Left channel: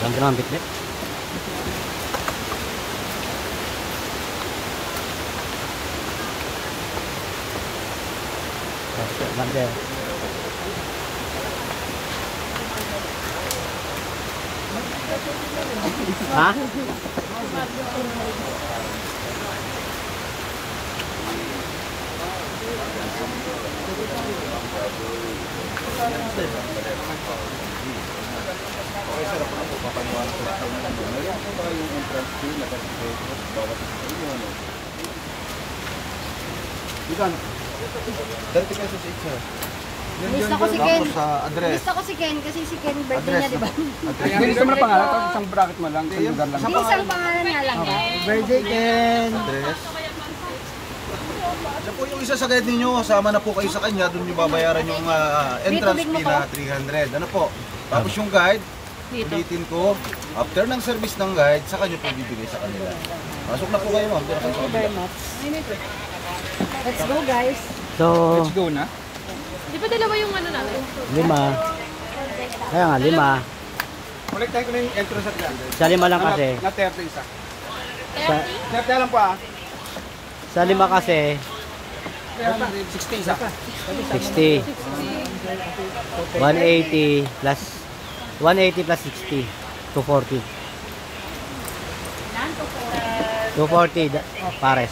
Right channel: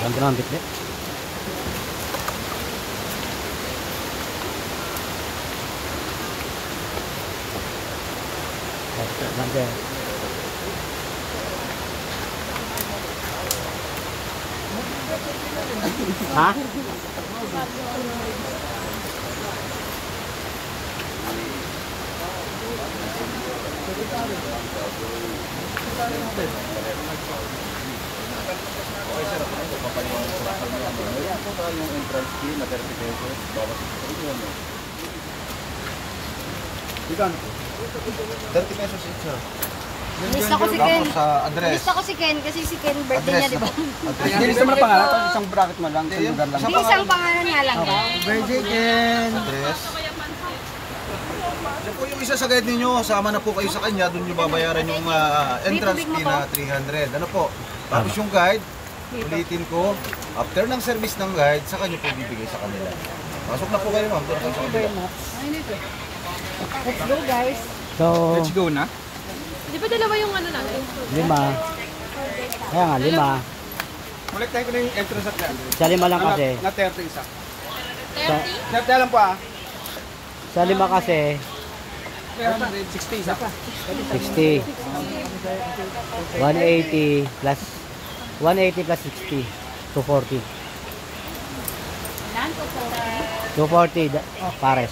Ganda naman bitbit. Ganda. Ha? Okay sir, ako na po papaliwanag ko sa inyo. Meron po ba yung entrance fee na certificate bawat sa inyo, no? Ikan, 30 pesos each sir. Miss ako si Ken. Sa address. Miss ako si Ken kasi si Ken birthday niya, di ba? Hindi gusto mo na pangalan, tapos isang bracket mo lang, isang lugar lang. Hindi, isang pangalan nga lang. Birthday Ken! Address. Yan po yung isa sa guide ninyo, sama na po kayo sa kanya, doon nyo babayaran yung entrance fee na 300. Ano po? Tapos yung guide, ulitin ko, after ng service ng guide, sa kanya po bibigay sa kanila. Pasok na po kayo ma'am, doon na kayo sa kanila. Let's go guys. So, Let's go na. Di ba dalawa yung ano natin? 5. Kaya nga, 5. Kolektahin ko na yung entrance at 300. Sa 5 lang kasi. Na 30 isa. Sa, 30 lang po ah. sa 5 kasi, 60 isa. 60. 180 plus 60. 240. 240 pares.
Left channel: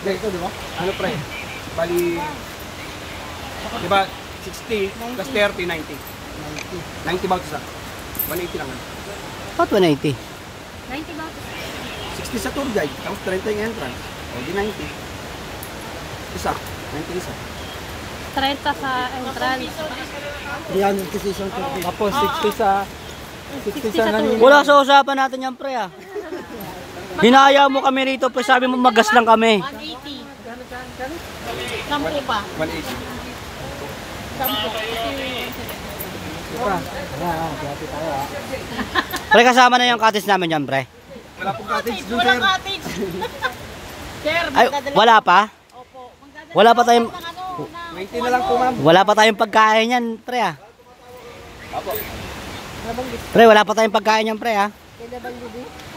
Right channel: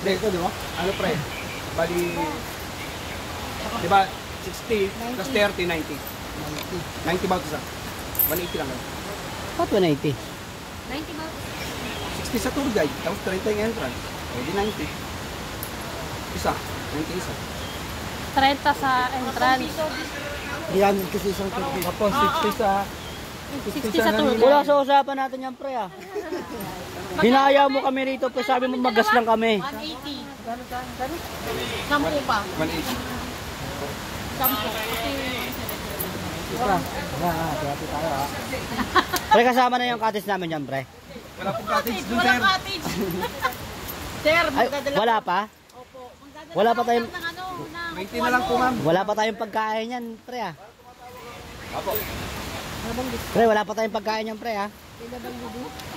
Hindi, ito di ba? Ano pre? Bali, di ba 60 plus 30, 90. 90 ba ito sa? 180 lang. About 180. 90 ba? 60 sa tour guide, tapos 30 yung entrance. Pwede 90. Isa, 90 isa. 30 sa entrance. 300 kasi isang turkey. Tapos 60 sa... 60 sa tour. Wala sa usapan natin yan, pre, ah. Hinaya mo kami rito, pre. Sabi mo magas lang kami. 180. Sampu pa. 180. Sampu. Pre, kasama na yung cottage namin yan, pre. Wala pong cottage dun, sir. Walang cottage. Sir, Ay, magdadala. wala pa? Opo. Magdadala Wala pa tayong... ng ano, ng 20 na lang po, ma'am. Wala pa tayong pagkain yan, pre, ah. Apo. Pre, wala pa tayong pagkain yan, pre, ah.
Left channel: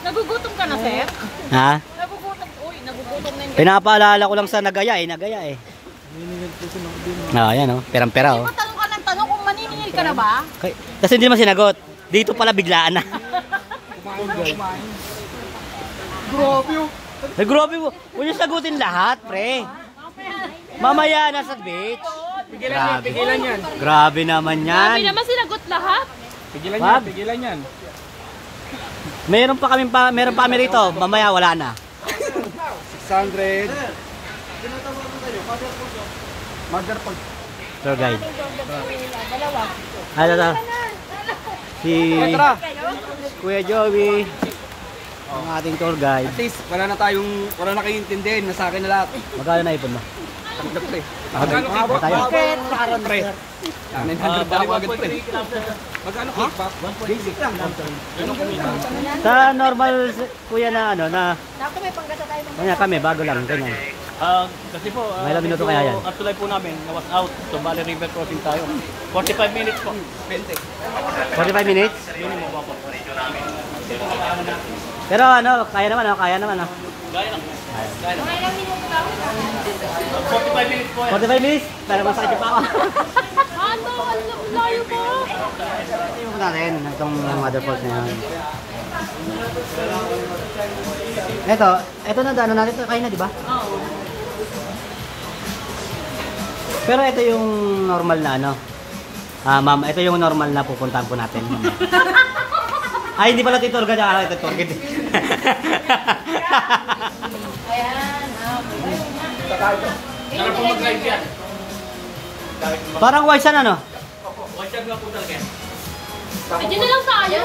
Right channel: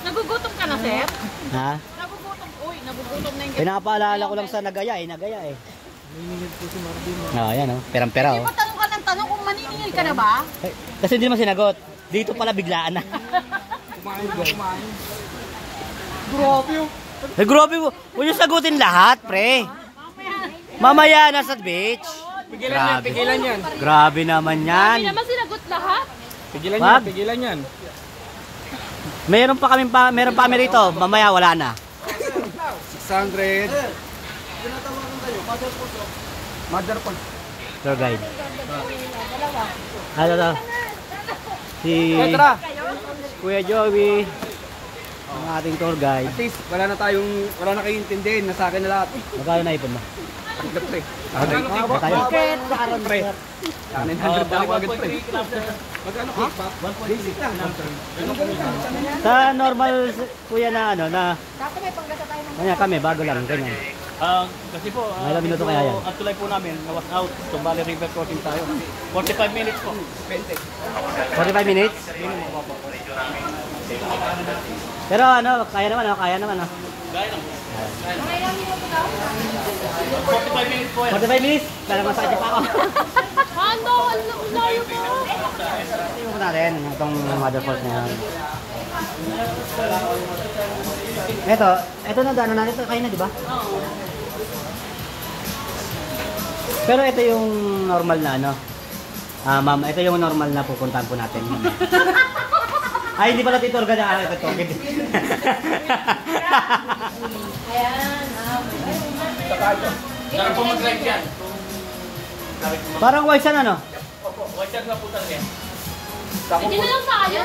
Nagugutom ka na, sir? Ha? Nagugutom. Uy, nagugutom na yung Pinapaalala ko lang sa nagaya, eh. Ah, yan, oh. Perang-pera, oh. Tanong ka ng tanong kung maniningil ka na ba? Kasi hindi naman sinagot. Dito pala biglaan na. Kumain ba? Kumain. Grabe yun. Eh, grabe mo. Huwag yung sagutin lahat, pre. Mamaya na sa beach. Grabe. Pigilan yan. Grabe naman Hindi yan. naman sinagot lahat. Pigilan Wag. yan, pigilan yan. Meron pa kami rito. Mamaya wala na. 600. Mother po. Tour guide. Ano to? Si Kuya Joey, ang ating tour guide. At least, wala na kayong intindihin na sa akin na lahat. Magkano na ipon mo? Tatlo pre. Ba tayo? Pre. Balik agad pre. Magkano cake ba? Basic lang. Sa normal kuya na ano na kanya kami bago lang ganyan. Kasi po, May ilang minuto kaya yan? At tulay po namin, was out, Tumbali River crossing tayo. 45 minutes po. 45 minutes? Minimum po. Pero ano, kaya naman. Gaya lang. 45 minutes po. 45 minutes? Pero masakit pa ako. Ano? Ang layo po. Tingnan mo natin itong mother falls na yun. Ito na daanan natin. Kaya na, di ba? Oo. Pero ito yung normal na ano. Ma'am, ito yung normal na pupuntahan po natin. Ay, hindi pala titor gana. Ito torkit. Saan po mag-live yan? Parang waisan ano? Watch out nga po talaga yan. Pwede na lang tayo.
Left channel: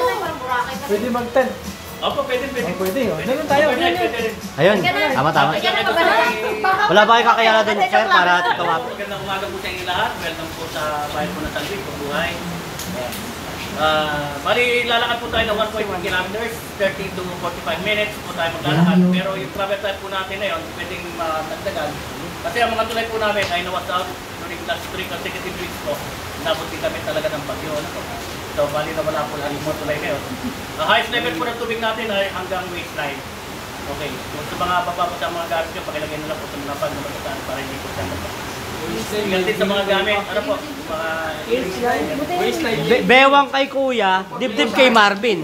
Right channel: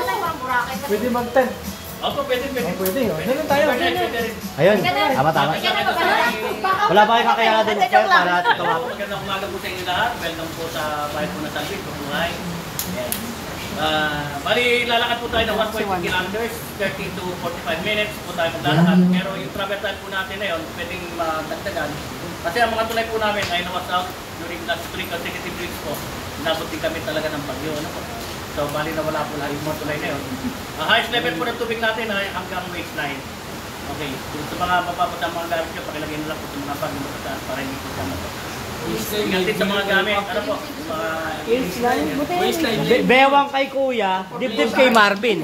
Pwede mag-10. Opo, pwede. Pwede yun. Meron tayo. Ayun, tama. Wala ba kayo kakayala din, sir, para tumap? Magandang umaga po sa inyo lahat. Welcome po sa bayan po ng Salvig, Mabuhay. Bali, lalakad po tayo ng 1.2 kilometers, 30 to 45 minutes po tayo maglalakad. Pero yung travel time po natin na yun, pwedeng magdagdagan. Kasi ang mga tulay po namin ay nawas out during last 3 consecutive weeks po. Nabot din kami talaga ng bagyo. Ano po? So, bali na wala po lahat yung motulay na yun. Ang highest level po ng tubig natin ay hanggang waistline. Okay. Kung sa mga papapot ang mga gamit nyo, pakilagay na lang po sa mga bag na matataan para hindi po siya mapapot. Din sa mga gamit, ano po? Mga Bewang kay kuya, dibdib kay Marvin.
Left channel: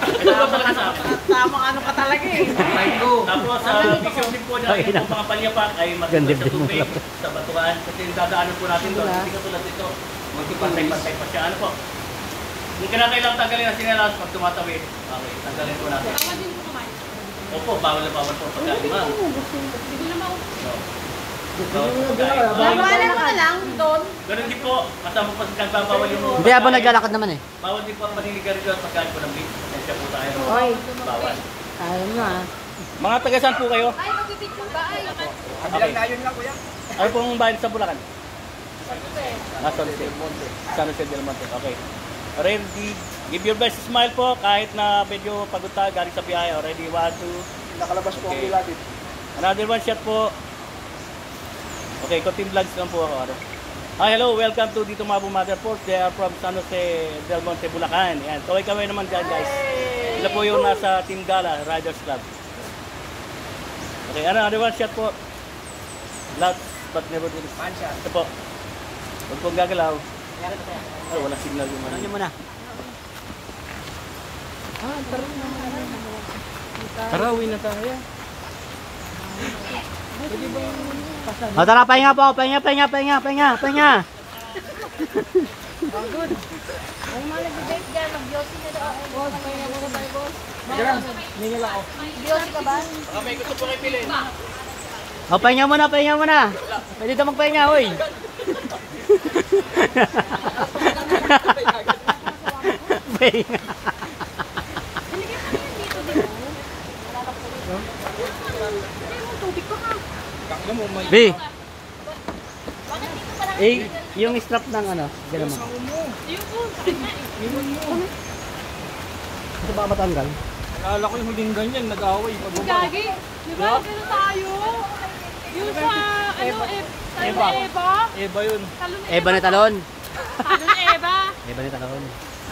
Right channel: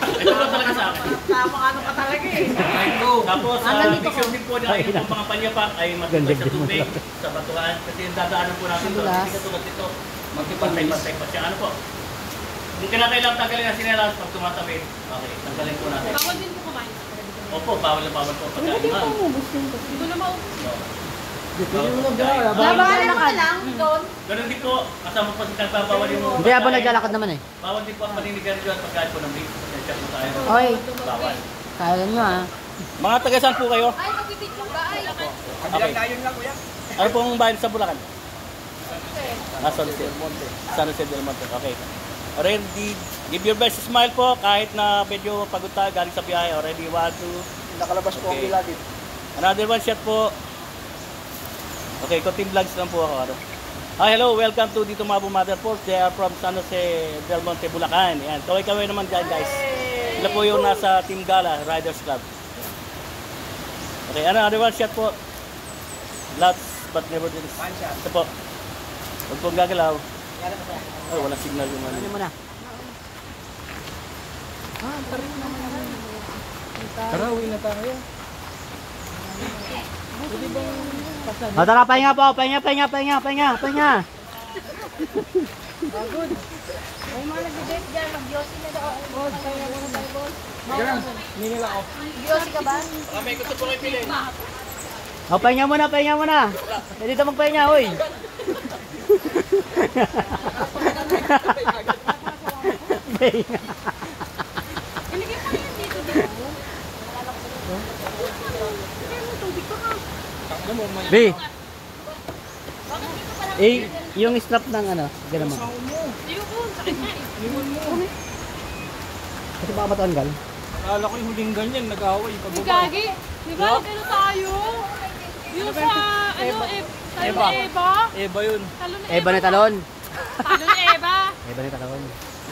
ito po talaga sa akin. Ano ka talaga eh. Tapos sa vision din po niya, yung mga panyapak ay matibay sa tubig, sa batuhan. Kasi yung dadaanan po natin doon, hindi katulad dito, magkipantay-pantay pa siya. Ano po? Hindi ka na kailang tanggalin ang sinelas pag tumatawid. Okay, tanggalin po natin. Bawal din po kumain sa pare. Opo, bawal na bawal po pagkain, ma'am. Hindi ko na maubos. No. Bawal po pagkain. Bawalan mo na lang doon. Ganun din po, kasama po sa nagbabawal yung... Hindi, habang naglalakad naman eh. Bawal din po ang paninigarilyo at pagkain po ng beef. Pasensya po tayo. Ay, Bawal. kaya nyo ah. Mga taga-saan po kayo? Ay, mapipit mo ba? Ay, Kabilang na yun lang, kuya. Ano pong bayan sa Bulacan? San Jose. San Jose del Monte. Okay. Ready, give your best smile po kahit na medyo pagod tayo galing sa biyahe. Already, 1, 2. Nakalabas po Okay. ang lagi. Another one shot po. Okay, konting vlogs lang po ako. Ano? Hi, hello, welcome to dito Mabu Motherport. They are from San Jose del Monte, Bulacan. Yan, kaway-kaway naman dyan, guys. Sila po yung nasa Team Gala, Riders Club. Okay, another one shot po. Lots, but never do this. Ito po. Huwag pong gagalaw. Ay, walang signal yung Ano nyo muna? Tara, uwi na tayo. O tara, pahinga po, pahinga. Ay, mga nag-date dyan, mag-yosi na daw. Boss, pahinga mo tayo, boss. Ningil ako. Yosi ka ba? May gusto po kayo pilin. O, pahinga muna. Pwede ka magpahinga, oy. Pahinga. B. Eh, yung strap ng ano, gano'n mo. Kasi baka matanggal. Alala ko yung huling ganyan, nag-away, pag-ubay. Gagi, di ba nagano tayo? Yung sa, ano, Eva. Eba yun. Eba na talon. Talon Eva. Eba na talon.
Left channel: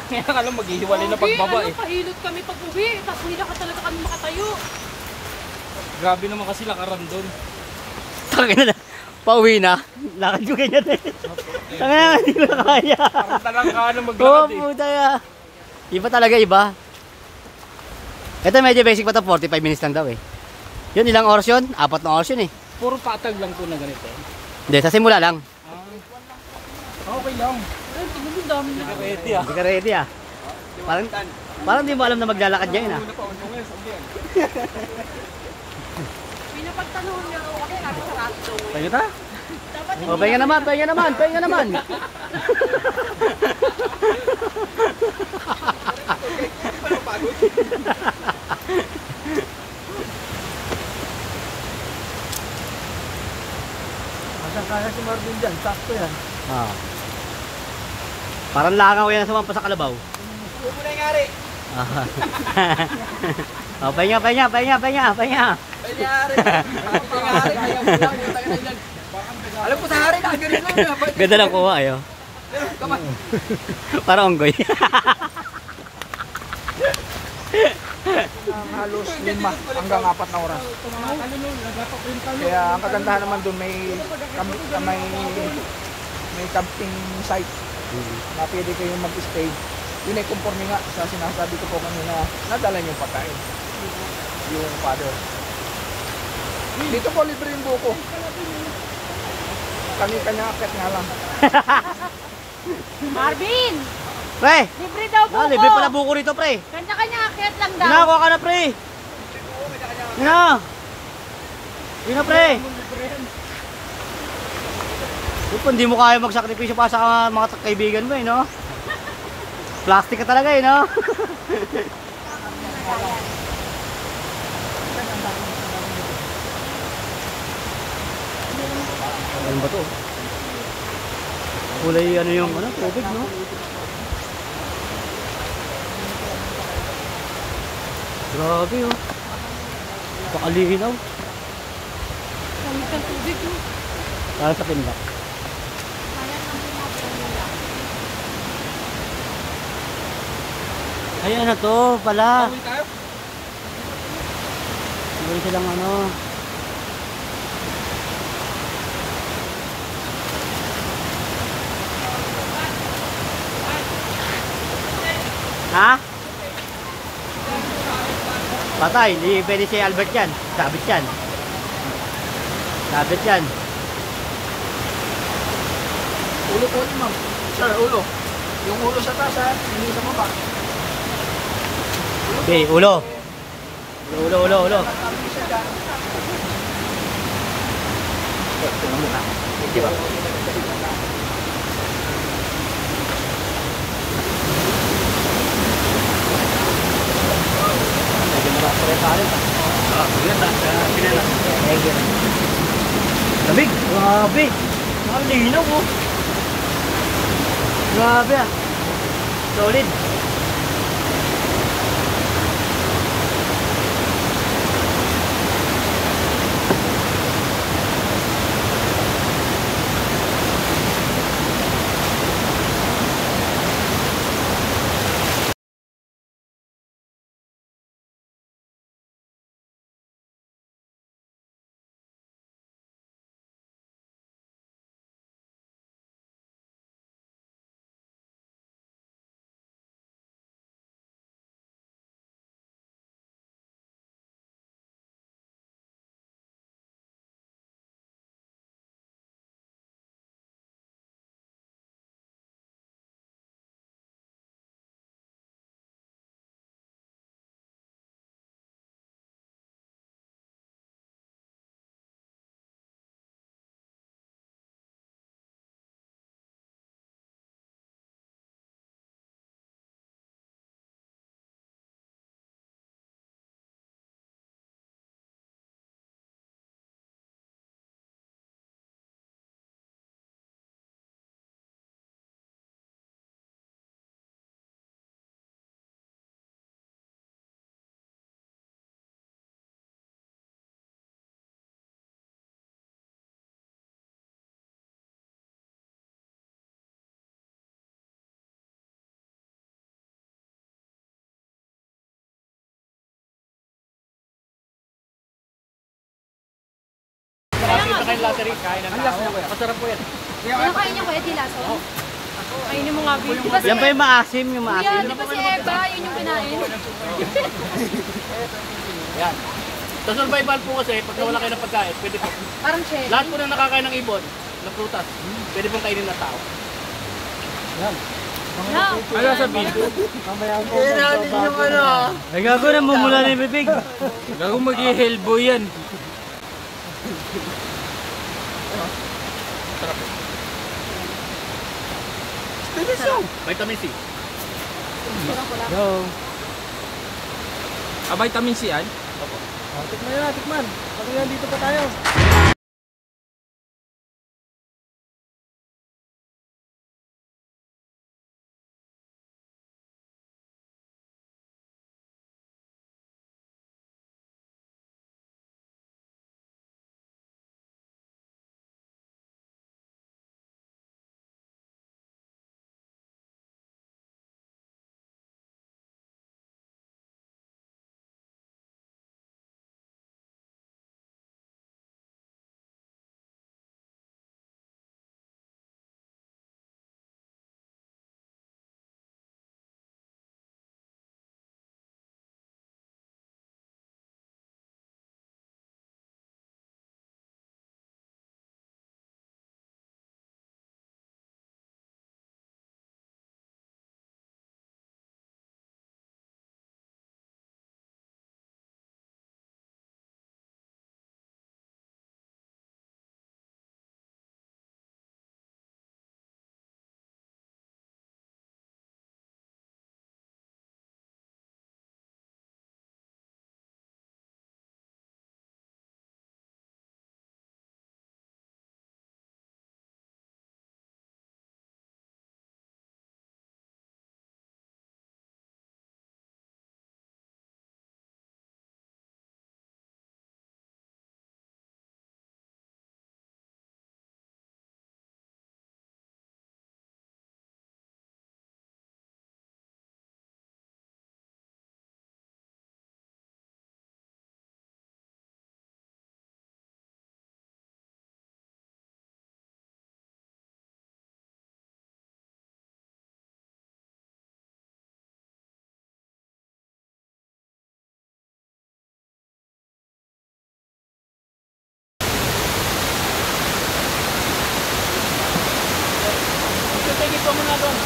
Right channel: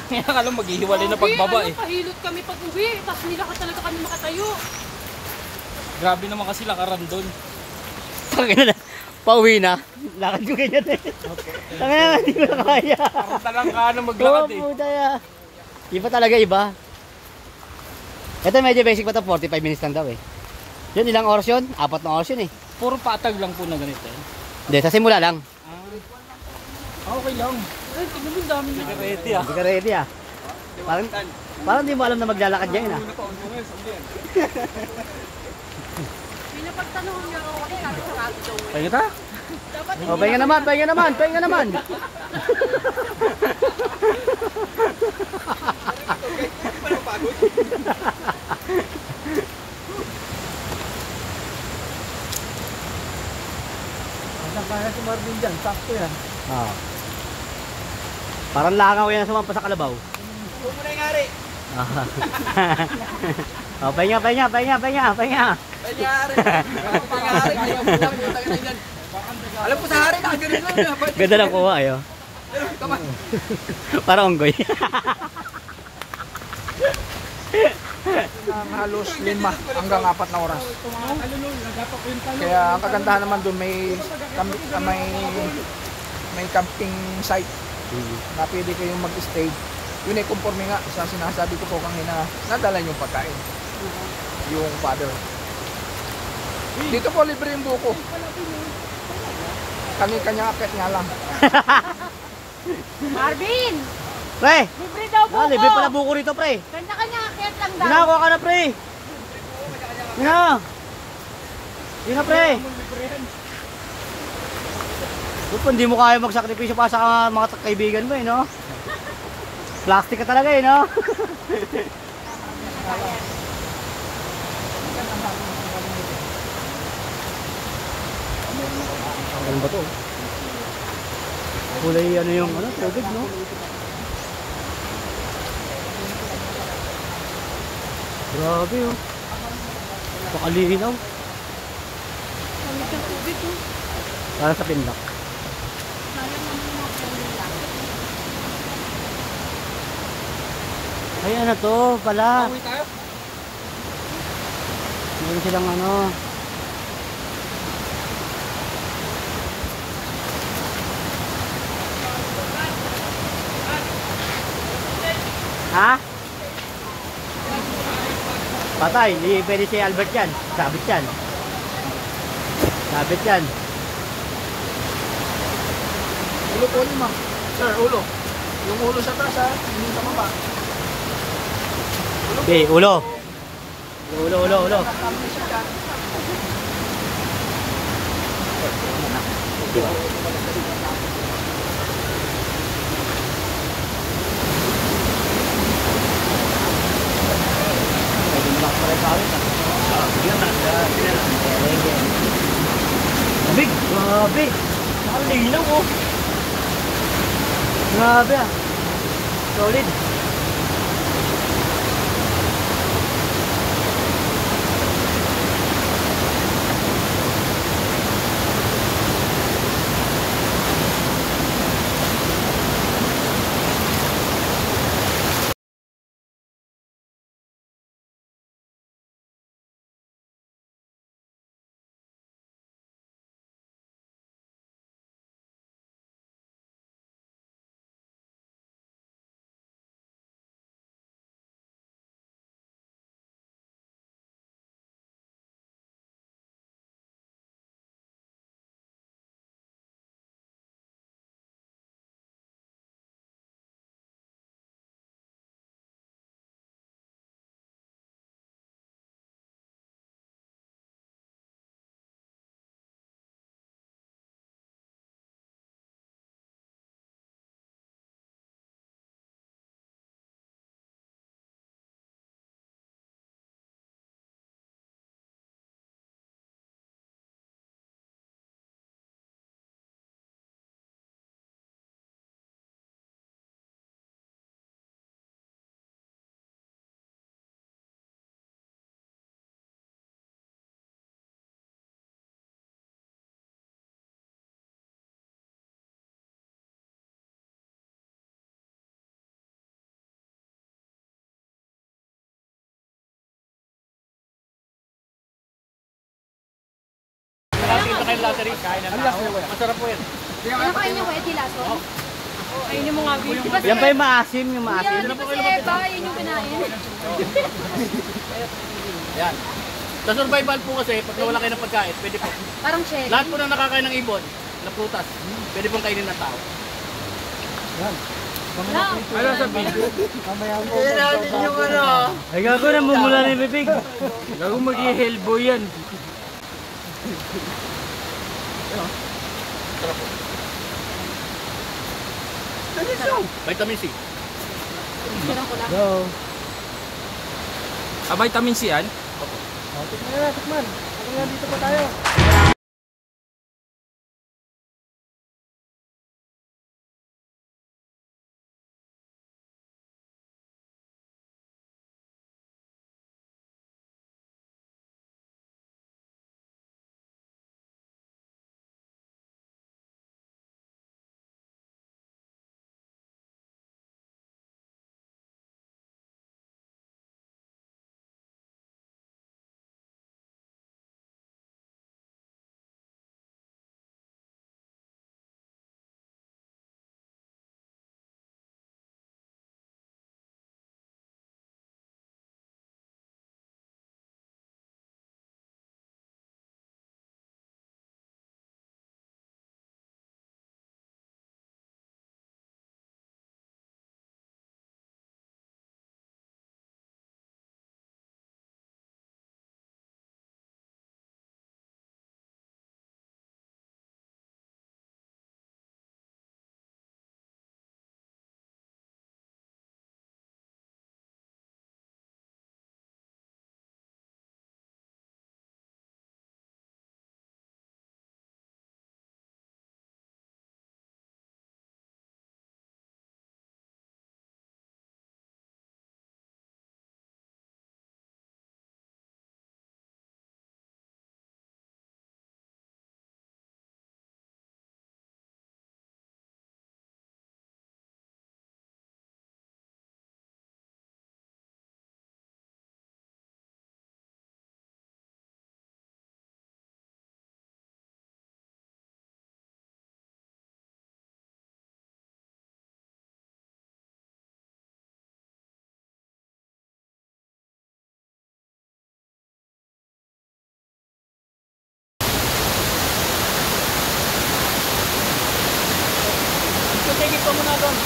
Kaya ka lang maghihiwalay na pagbaba eh. Pahilot kami pag uwi, tapos hindi ka talaga kami makatayo. Grabe naman kasi lakaran doon. Tangina na. Pauwi na. Lakad yung ganyan eh. Tangina na, hindi ko na kaya. Parang talang ka na Oo, maglakad eh. puta ya. Iba talaga, iba. Ito medyo basic pa to, 45 minutes lang daw eh. Yun, ilang oras yun? 4 na oras yun eh. Puro patag lang po na ganito. Hindi, sa simula lang. Okay lang. Ay, tingnan mo dami na. Ready ah. Hindi ka ready ah. Parang di mo alam na maglalakad yan ah. Pinapagtanong niyo ako kasi sabi sa rato. Pahinga ta? O, pahinga naman. Kaya si Marvin dyan, sakto yan. Ah. Parang langaw yan sa mga sa kalabaw. Huwag mo na yung ari. Ah. Oh, pahinga. Panyari. Bakit yung ari? Ayaw mo lang, puta ka nila. Alam ko sa hari, nakagalit lang na. Ganda lang kuha ayo. Kamay. Parang onggoy. Halos 5 hanggang 4 na oras. Kaya ang kagandahan naman doon may camping site na pwede kayong mag-stay. Yun ay conforme nga sa sinasabi ko po kanina, nadala yung pagkain. Yung father. Dito po libre yung buko. Kanya-kanya akit nga lang. Marvin! Pre! Libre daw po Ah, libre pala buko rito, pre. Kanya-kanya akit lang daw. Ginagawa ka na, pre. Gina, pre. Kung hindi mo kaya magsakripisyo pa sa mga kaibigan mo eh, no? Plastic ka talaga eh, no? Ano ba to? Kulay ano yung ano, tubig, no? Grabe, oh. Pakalinaw. Para sa pinlock. Ay, ano to pala? Pauwi tayo. Meron silang ano. Ha? Patay, hindi pwede si Albert yan. Sabit yan. Sabit yan. Ulo po niyo, ma'am. Sir, ulo. Yung ulo sa taas, ha? Hindi sa baba. Okay, ulo. Ulo. Diba? Lagi mo lang pala sa akin. Lamig! Grabe! Nakalinaw oh! Grabe ah! Solid! Nakasita kayo lottery. Kain ng tao. Masarap po yan. Ano kain niyo ba? Etilaso? Kainin mo nga, babe. Yan pa yung maasim, yung maasim. Yan, kasi Eva, yun yung kinain. Yan. Sa survival po kasi, pag nawala kayo ng pagkain, pwede po. Parang cherry. Lahat po na nakakain ng ibon, na prutas, pwede pong kainin ng tao. No. Ano sa video? Ay gago na mumula na yung bibig. Gago mag-i-helbo yan. Sarap po. Vitamin C. Go. Vitamin C yan? Opo. Tikman. Dito pa tayo. sige po muna doon.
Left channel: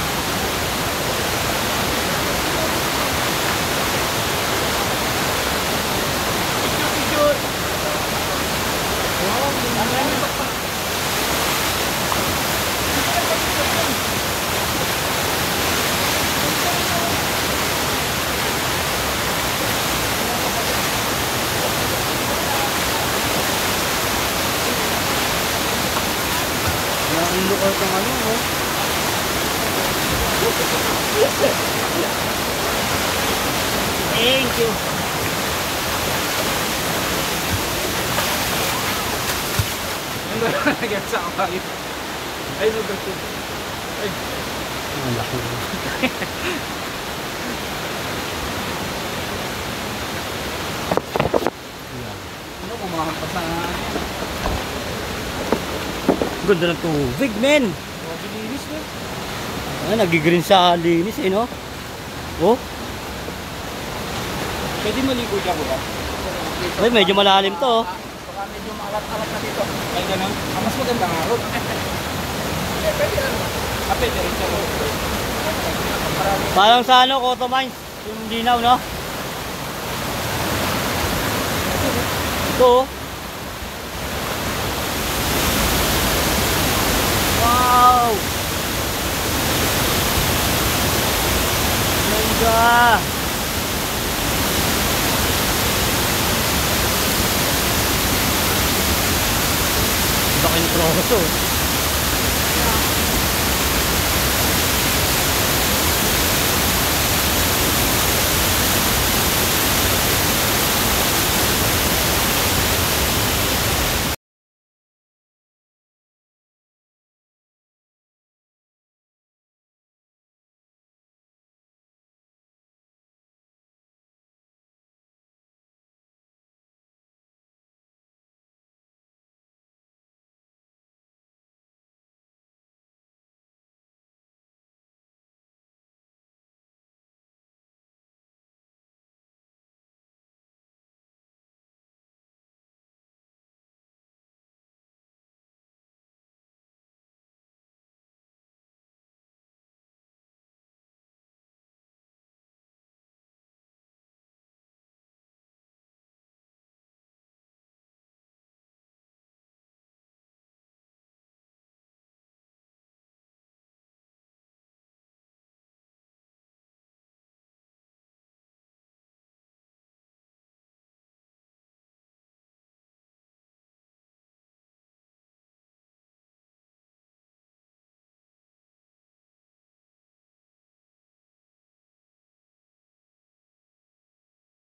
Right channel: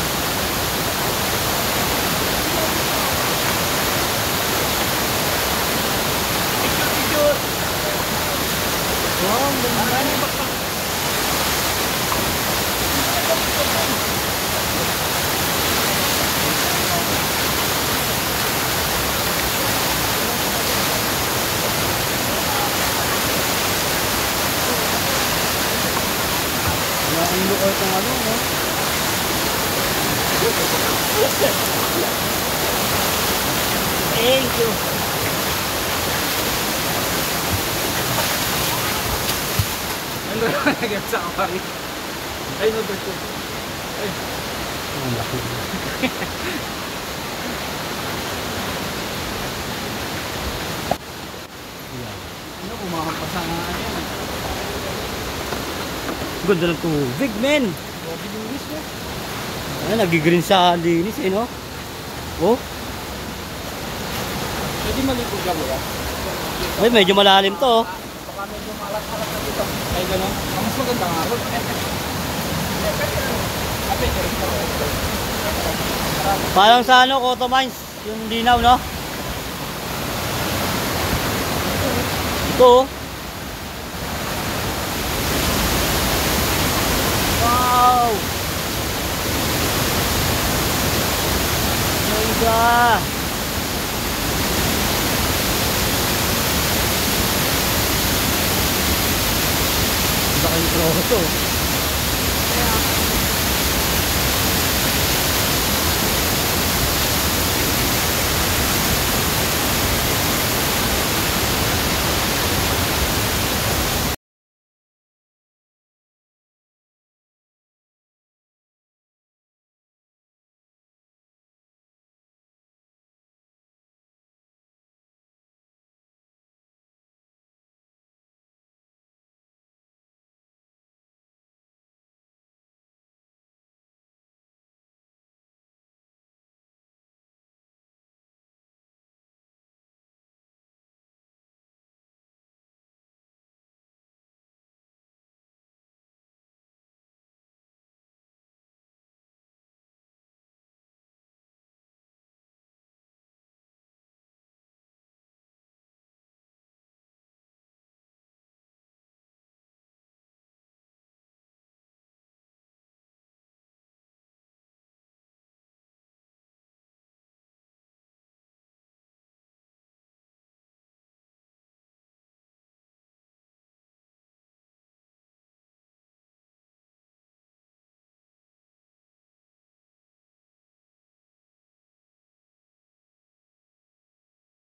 Picture. Ang lukot ng ano, no? Thank you. Ano na nagip sa akang? Ay, no, beto. Ay, Ang laki. ano, kumakampas sa ano yan? Ganda ng tubig, men. Grabe linis, no? Ay, nagigreen sa linis, eh, no? Oh, Pwede maligo dyan ko ba? ay, medyo malalim to, oh. Baka medyo maalat-alat na dito. Ay, ganun. Ang mas maganda nga ron. Pwede na. Pwede rin ko. Parang sa ano, Cotto Mines, yung linaw, no? Ito, oh. Wow! Ganda! Laki yung troso.